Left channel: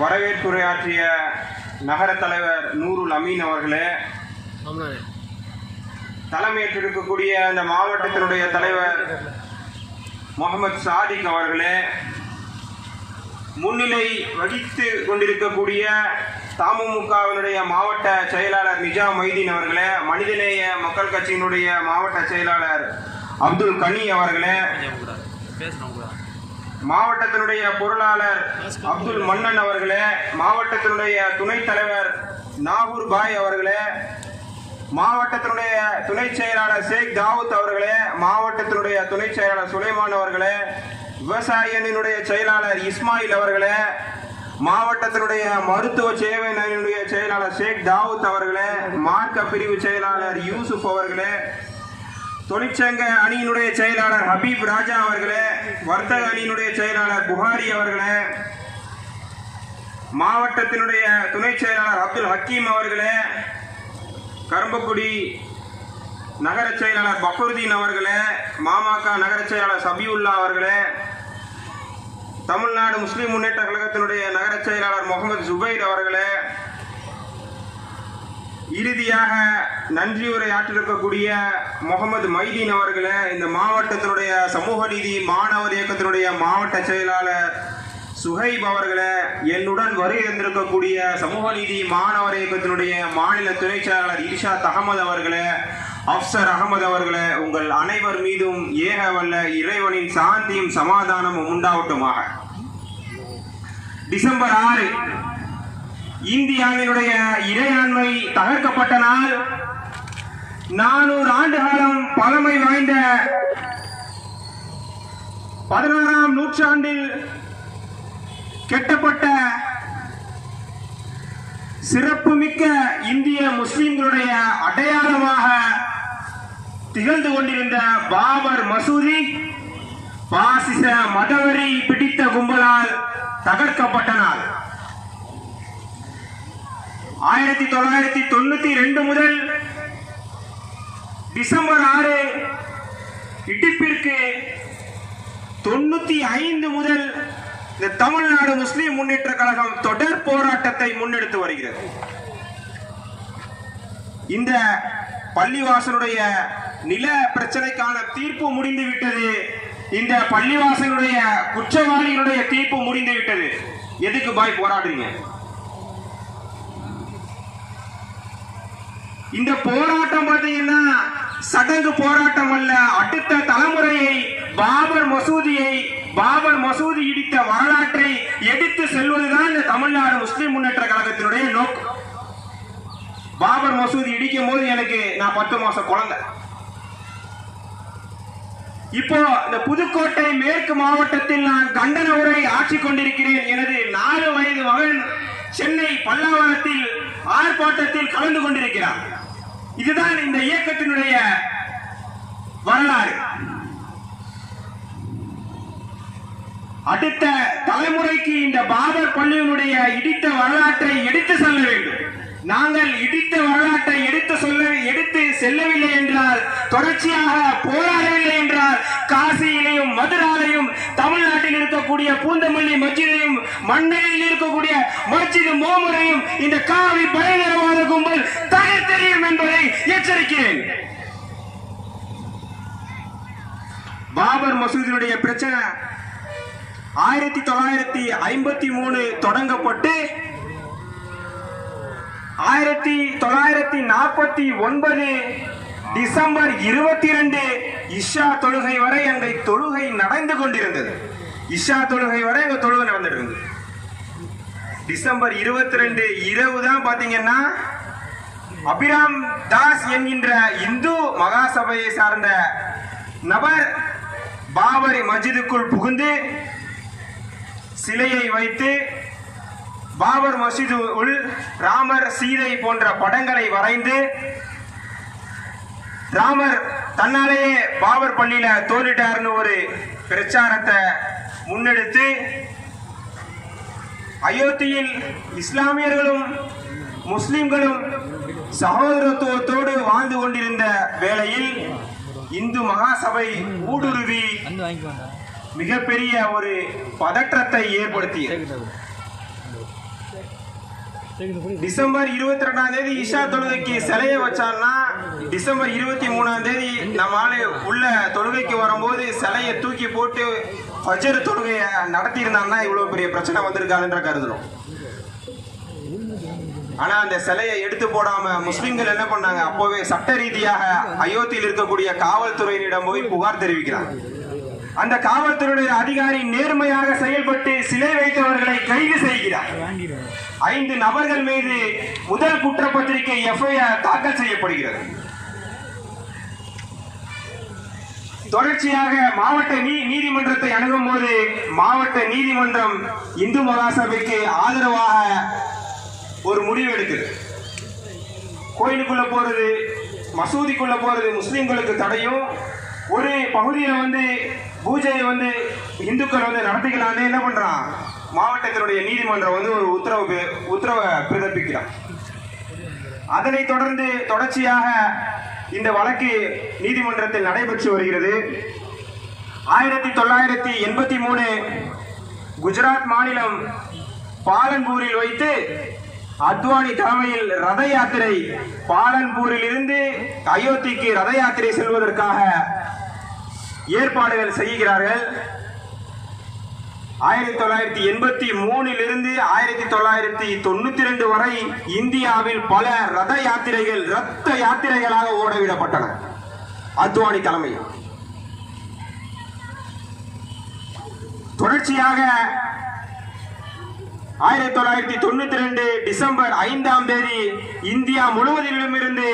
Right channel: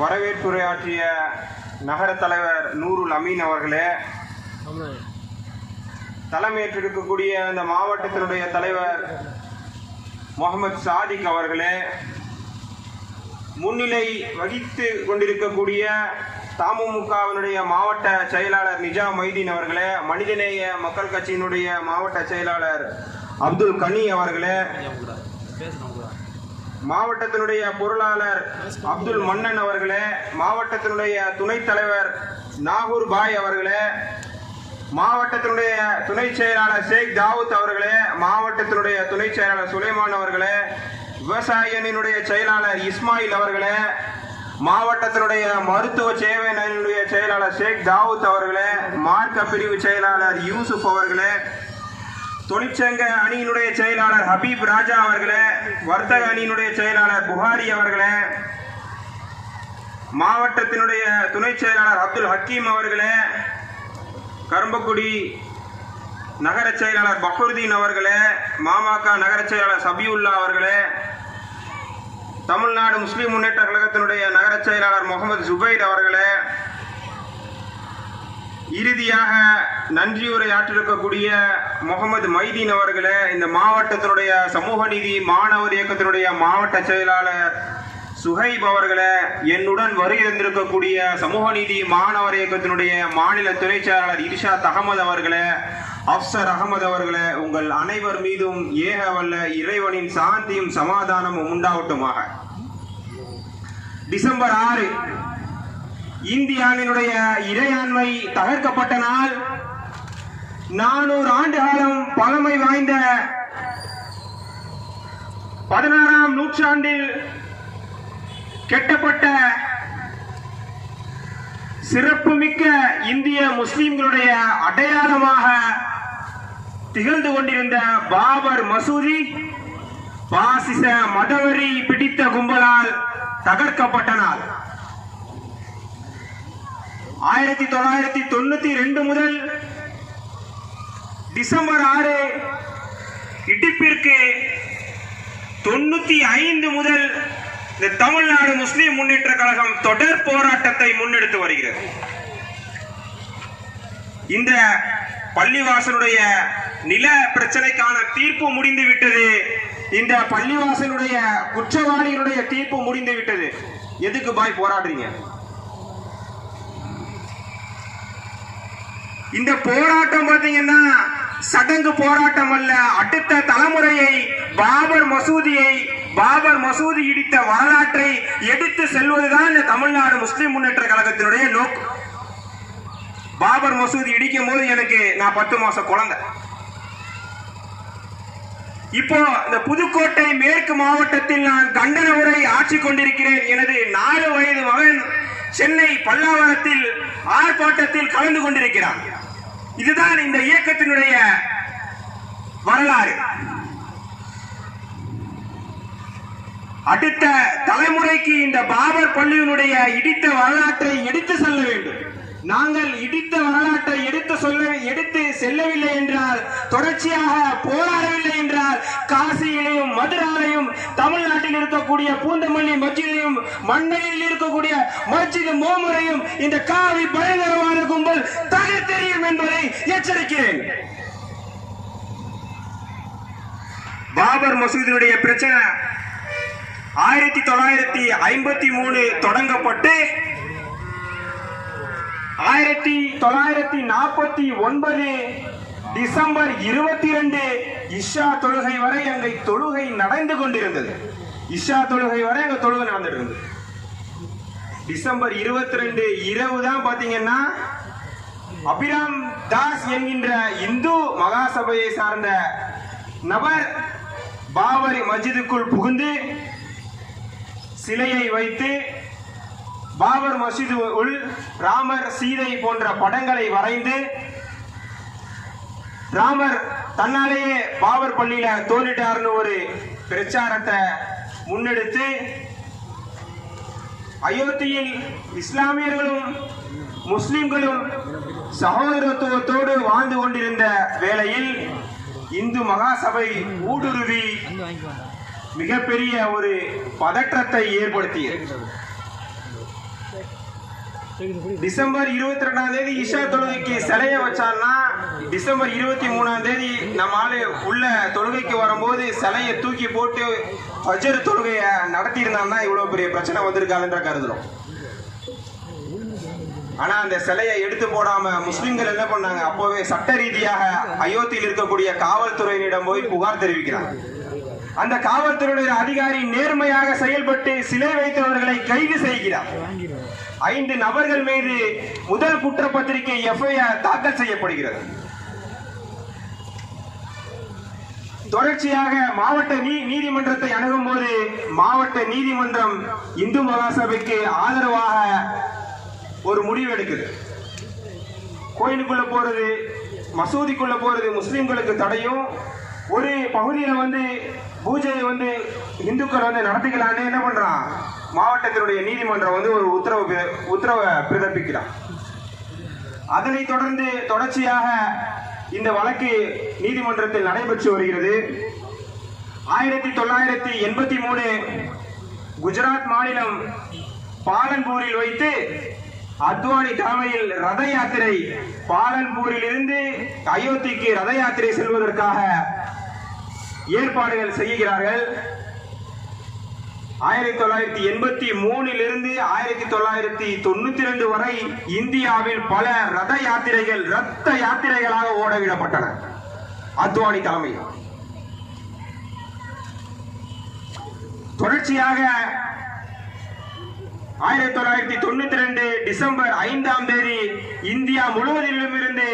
வரவேற்புரையாற்றிய நகர தலைவர் நூருல் அமீன் அவர்களே தலைமையேற்றிருக்கக்கூடிய இந்த மாவட்டத்தினுடைய தலைவர் முகமது சாதிக் அவர்களே முன்னிலை வகித்து கொண்டிருக்கக்கூடிய தமுகவினுடைய மாவட்ட செயலாளர் நிஜாம் மைதீன் அவர்களே மனிதநேய மக்கள் கட்சியினுடைய மாவட்ட செயலாளர் அப்துல் கனி அவர்களே. மாவட்டத்தினுடைய பொருளாளர் அப்துல் மன்னன் அவர்களே மாவட்டத்தினுடைய துணைத் தலைவர் நாகூர் பாய் அவர்களே மாவட்டத்தினுடைய துணை செயலாளர் ஷேக் தாவூத் அவர்களே மாவட்டத்தினுடைய துணை செயலாளர் சுலைமான் அவர்களே விவசாயினுடைய செயலாளர் இஸ்மாயில் அவர்களே மாவட்டத்தினுடைய மருத்துவ சேவை செயலாளர் ஷேக் தாவூத் அவர்களே மார்க்க பிரிவு செயலாளர் யூசுப் அவர்களே தொழிற்சங்க அணியினுடைய செயலாளர் ஹபீப் ராஜா அவர்களை வர்த்தக அணியினுடைய செயலாளர் புகாரி அவர்களே மாவட்டத்தினுடைய துணை செயலாளர் அப்துல் ஹக்கீம் அவர்களே கரும்பக்குடி நகர செயலாளர் பக்ருதீன் அவர்களே மாமாக்க நகர செயலாளர் சபியுல்லா அவர்களே தமிழ்நாடு முஸ்லீம் முன்னேற்ற கழகத்தினுடைய நகர செயலாளர் முகமது ஜுபைர் அவர்களே இறுதியாக நன்றியுரை ஆற்றிருக்கக்கூடிய முகமது மைதீன் அவர்களை இந்த மாவட்டத்தினுடைய சமூக நீதி மாணவர் இயக்கத்தினுடைய மாவட்ட செயலாளர் சுஹைப் அவர்களை என்னுடன் வருகை தந்திருக்கக்கூடிய சமூக நீதி மாணவர் இயக்கத்தினுடைய மாநில துணை செயலாளர் இர்ஷாத் அகமது அவர்களை அப்சர் அகமது அவர்களை உங்கள் அனைவர் மீதும் ஏக வல்ல இறைவனின் சாந்தியும் சமாதானமும் உண்டாகட்டுமாக. டிசம்பர் ஆறு இந்தியாவினுடைய இறையாண்மை தகர்க்கப்பட்ட நாள். நானூறு ஆண்டு காலம் பழமை வாய்ந்த பதினாறாம் நூற்றாண்டில் கெட்டப்பட்ட சிறப்புமிக்க இந்திய முஸ்லிம்களுடைய அடையாளமாக திகழ்ந்து கொண்டிருந்த பாபர் மசூதி பாசிச மதவெறி பிடித்த கும்பலால் தகர்க்கப்பட்டனர் ஆயிரத்தி தொள்ளாயிரத்தி தொண்ணூத்தி ரெண்டு முதல் டிசம்பர் ஆறு இடிப்பிற்கு தொண்ணூத்தி ஐந்து முதல் இந்த தமிழ்நாடு முஸ்லிம் முன்னேற்ற கழகம் தொடர் போராட்டத்தை முன்னெடுத்து வருகிறது. இந்த பள்ளிவாசனுடைய நில பிரச்சனைக்கான தீர்ப்பு முடிந்து விட்டது. இந்த பள்ளிவாசனுடைய குற்றவாளிகளுடைய தீர்ப்பு முடிந்து விட்டது. எதுக்கு பாய் போராடுறீங்க? இந்த போராட்டம் பார்த்தீங்கன்னா சடங்கு போராட்டம் அல்ல அடுத்த தலைமுறையை பாபர் மசூதியை பாபர் மசூதி இடித்த வரலாற்றை எடுத்து செல்வதுதான் இந்த தமிழ்நாடு முஸ்லிம் முன்னேற்ற கழகத்தினுடைய நோக்கம். பாபர் மசூதி இடிக்கும் போது எனக்கு நான் பத்து மாசம் குழந்தை. இப்போ இந்த புதுக்கோட்டை மேற்கு மாவட்டத்தில் நான் கண்டன உரை ஆட்சி கொண்டிருக்கிறேன் எனது நாலு வயது மகன் சென்னை பல்லாவரத்தில் ஆர்ப்பாட்டத்தில் கலந்து கொண்டிருக்கிறார். இதுதான் இந்த இயக்கத்தினுடைய வரலாறு. அடுத்த தலைமுறைக்கு இந்த பாபர் பள்ளியினுடைய இடித்த வரலாற்றை எடுத்து செல்ல வேண்டும். நாங்கள் இடித்த வரலாற்றை எடுத்து சொல்ல எடுத்து செல்லவில்லை என்றால் தொடர்ச்சியாக போராடவில்லை இருக்கக்கூடிய பூந்தமல்லி மஜிதையும் மண்ணையில் இருக்கக்கூடிய மஸ்ஜித் மோமரையும் இந்த காவி பயங்கரவாத கும்பல் தகர்த்தெறியும் என்பதை எச்சரிக்கிறேன். பாபர் மசூதியுடைய பிரச்சனை ஆயிரத்தி தொள்ளாயிரத்தி ஐம்பத்தி மூணு தொடங்கப்பட்டு ஆயிரத்தி தொள்ளாயிரத்தி நாற்பத்தி ஒன்பது டிசம்பர் இருபத்தி ரெண்டு இஷா தொழுகை வரை அங்கே தொழுகை நடந்து கொண்டிருந்தது. இஷா தொழுகை வரை இவங்க தொழுகை நடந்துட்டு இருந்தது டிசம்பர் இருபத்தி ரெண்டு இரவு தான் பாத்தீங்கன்னா அபிராம் தாஸ் என்கின்ற இந்து மகாசபையை சார்ந்த நபர் பாபரி மஸ்ஜிதுக்குள் புகுந்து சிலையை வைத்து பாபர் மசீது உள் ராமர் சீதை போன்ற படங்களை வரைந்து ராமர் தன்னாலேயே பாபர் பள்ளியில தோன்றிட்டார்னு ஒரு பிரச்சாரத்தை முன்னெடுத்து அயோத்தியில் இஸ்லாமியர்களும் முஸ்லிம்களும் சகோதரத்துவத்தோடு வாழ்ந்து கொண்டிருந்த வேளையில் இந்து மகாசபை ஊடுருவி மிகப்பெரிய ஒரு பதற்றத்தை ஏற்படுத்தியது. டிசம்பர் இருபத்தி ரெண்டாம் தேதி இஷா தொழுகைக்கு சிலைய வச்சான்னா டிசம்பர் இருபத்தி மூணாம் தேதி நம்ம ஆளு உள்ள தொழுகைக்கு வரும்போது சிலையை தூக்கி போட்டு பஜர் தொழுகைய நடத்தி இவ்வளோ இவ்வளவு பெரிய பிரச்சனை வந்திருக்காதுன்ற கருதுறோம். ஆனா அந்த சிலையை எடுத்து போடாம முஸ்லிம்கள் என்ன பண்ணாங்க? அப்போவே சட்ட ரீதியாக அயோத்தியில் இருக்கக்கூடிய காவல்துறையினிடம் போய் புகார் தெரிவிக்கிறாங்க. அந்த காவல்துறையுடைய அதிகாரி நேர்மையாக செயல்பட்டு சிலை வைத்தவர்களை கைது செய்கிறார். ஐந்து நபர்கள் மீது முதல் குற்றப்பத்திரிகை எஃப்ஐஆர் தாக்கல் செய்யப்படுகிறது. தொடர்ச்சியாக மாவட்ட நீ நீதிமன்றத்தை அணுகும் போது மாவட்ட நீதிமன்றம் இந்து மகாசபைக்கு ஆதரவாக ஒரு முடிவு எடுக்குது. கோயிலுக்குள்ள போறது மசூதிக்குள்ள போறது முஸ்லிம்களுக்கு தடையும். ஒரு பகுதியில் வந்து பூஜையை வந்து இந்துக்கள் வந்து நடத்திக்கலான்னு என்ன பண்ணுறான் மாவட்டத்தினுடைய நீதிமன்றம் வந்து ஒரு உத்தரவு உத்தரவை பிறப்பிக்கிறான். அதனைத் தொடர்ந்து தொடர்ச்சியாக இந்த வழக்கு நீதிமன்றத்தில் நடைபெற்று வருகிறது. ஆயிரத்தி தொள்ளாயிரத்தி எண்பத்தி மூணு குஜராத் மாநிலம் பாலன்பூரில் வைத்து அத்வானி தலைமையில் ரத யாத்திரை பாலன்பூரில் இருந்து அயோத்திக்கு ரத யாத்திரை செல்வதற்காக ஏற்பாடுகள் செய்கிறார்கள். ஆயிரத்தி தொள்ளாயிரத்தி எண்பத்தி மூணில் இருந்து ஆயிரத்தி தொள்ளாயிரத்தி தொண்ணூத்தி ரெண்டு வரை இந்தியாவில் பல ரத யாத்திரைகள் ரத்த யாத்திரைகளாக ஓடவிடப்பட்டன. அத்வானி தலைமையில். தொடர்ச்சியாக ஆயிரத்தி தொள்ளாயிரத்தி தொண்ணூத்தி ரெண்டு டிசம்பர் ஐந்தாம் தேதி இந்தியா முழுவதிலுமிருந்து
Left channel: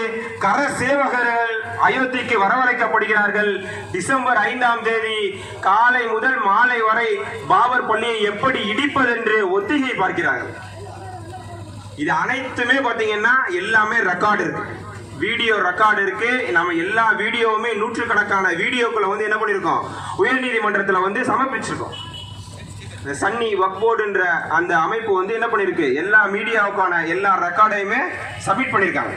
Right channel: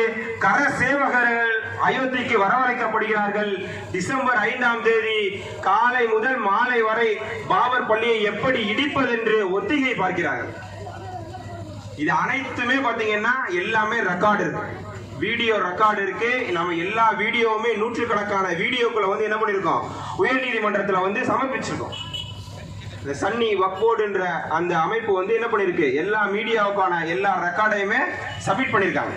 கர சேவகர்கள் அயோத்திக்கு வரவழைக்கப்படுகிறார்கள். டிசம்பர் ஐந்தாம் தேதி காலை முதல் மாலை வரை பாபர் பள்ளியை எப்படி இடிப்பதென்று ஒத்திகை பார்க்கிறார்கள். இது அனைத்துமே பார்த்தீங்கன்னா எல்லாமே ரெக்கார்டு இருக்கு. வீடியோ ரெக்கார்டு இருக்கு. நம்ம எல்லா வீடியோவுமே நூற்றுக்கணக்கான வீடியோக்களை வந்து என்ன பண்ணியிருக்கோம்? உயர்நீதிமன்றத்தில் வந்து சமர்ப்பிச்சிருக்கோம். இந்த சன்னி வக்போர்டுன்ற அந்த அமைப்பு வந்து என்ன பண்ணியிருக்கு எல்லா மீடியாவுக்கான எல்லா ரெக்கார்டையுமே சப்மிட் பண்ணியிருக்காங்க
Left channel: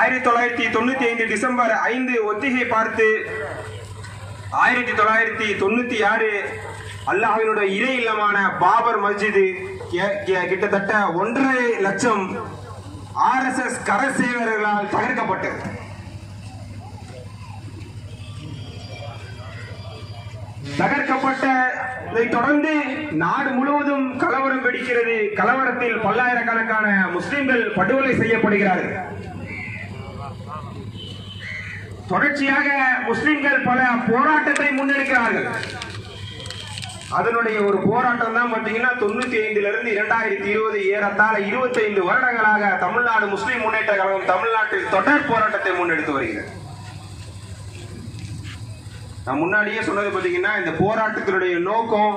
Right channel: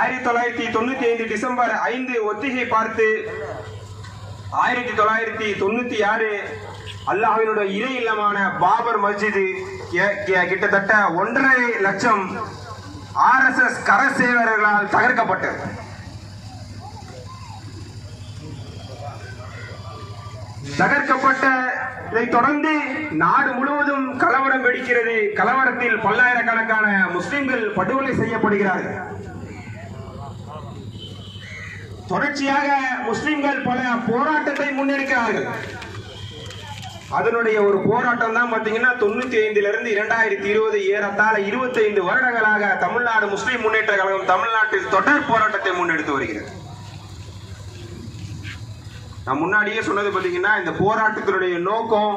ஆயிரத்தி தொள்ளாயிரத்தி தொண்ணூத்தி ஐந்து டிசம்பர் ஐந்து ஒத்திகை பார்த்து ஆயிரத்தி தொள்ளாயிரத்தி தொண்ணூத்தி ஆறு அல்லாஹினுடைய இறை இல்லமான பாபர் மஸ்ஜிது கிட்டத்தட்ட ஒன்றரை லட்சம் ஆர்எஸ்எஸ் கரசேவர்களால் தகர்க்கப்பட்டது. தகர்க்கப்பட்ட இதைத் தொடர்ந்து நாடு முழுவதும் கலவரம் வெடிக்கிறது. கலவரத்தில் பல்லாயிரக்கணக்கான முஸ்லிம்கள் படுகொலை செய்யப்படுகிறார்கள். தொடர்ச்சியாக முஸ்லிம்கள் பல போராட்டத்தை முன்னெடுக்கிறார்கள். அதனுடைய ஒரு போராட்டம் தான் பார்த்தீங்கன்னா தொண்ணூத்தி ஐந்துல இருந்து இரண்டாயிரத்தி இருபது ஏறத்தாழ இருபத்தி ஐந்து வருடங்களாக தமிழ்நாடு முஸ்லிம் முன்னேற்ற கழகம் தமிழ்நாட்டில் தொடர் போராட்டத்தை முன்னெடுத்து வருகிறது. நான் முன்னாடியே சொன்னது பார்த்தீங்கன்னா இந்த போராட்டத்தினுடைய நோக்கம்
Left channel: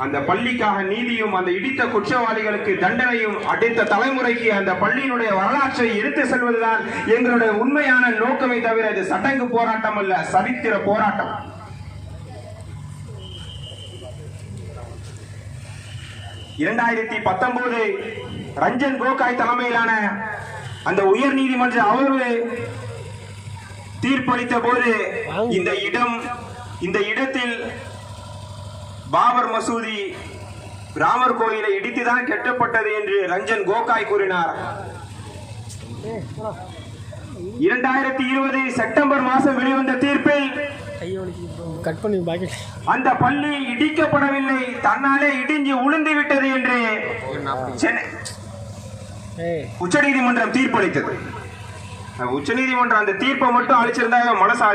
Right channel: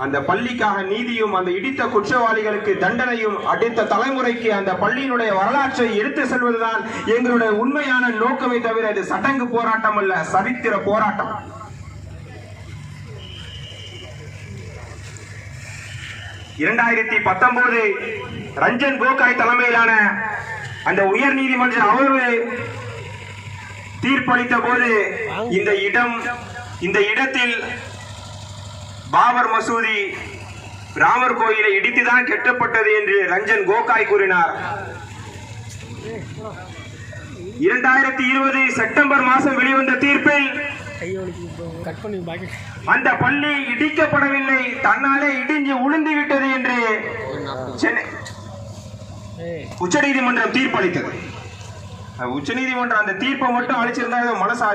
அந்த பள்ளிக்காக நீதியும் அந்த இடித்த குற்றவாளிகளுக்கு தண்டனையும் அடுத்த தலைமுறைக்கு அந்த பள்ளியினுடைய வரலாற்றை எடுத்து செல்வதுதான் எங்களுடைய உண்மையான நோக்கமே தவிர இது சடங்கு போராட்டம் அல்ல சரித்திர போராட்டம். இரண்டாயிரத்தி பத்தொன்பது ரஞ்சன் கோகாய் தலைமையிலான அந்த உயர் நீதிமன்ற அமர்வு தீர்ப்பளித்த போது இந்த இடம் இந்த இடத்தில் பாபர் மசூதி ராமர் கோயிலை இடித்துதான் கெட்டப்பட்டது என்று ரஞ்சன் கோகாய் கூறினார். இரண்டாயிரத்தி இருபது செப்டம்பர் மாதம் வெளிவந்த தீர்ப்பில் அந்த பள்ளி இடிக்கப்படவில்லை தன்னாலே இடிஞ்சு உளுந்து விட்டது என்று சென்னை உச்சநீதிமன்றம் தீர்ப்பளித்தது. உச்சநீதிமன்றம் அந்த தீர்ப்பை மட்டும் அளிச்சிருந்தாங்க மனசாலை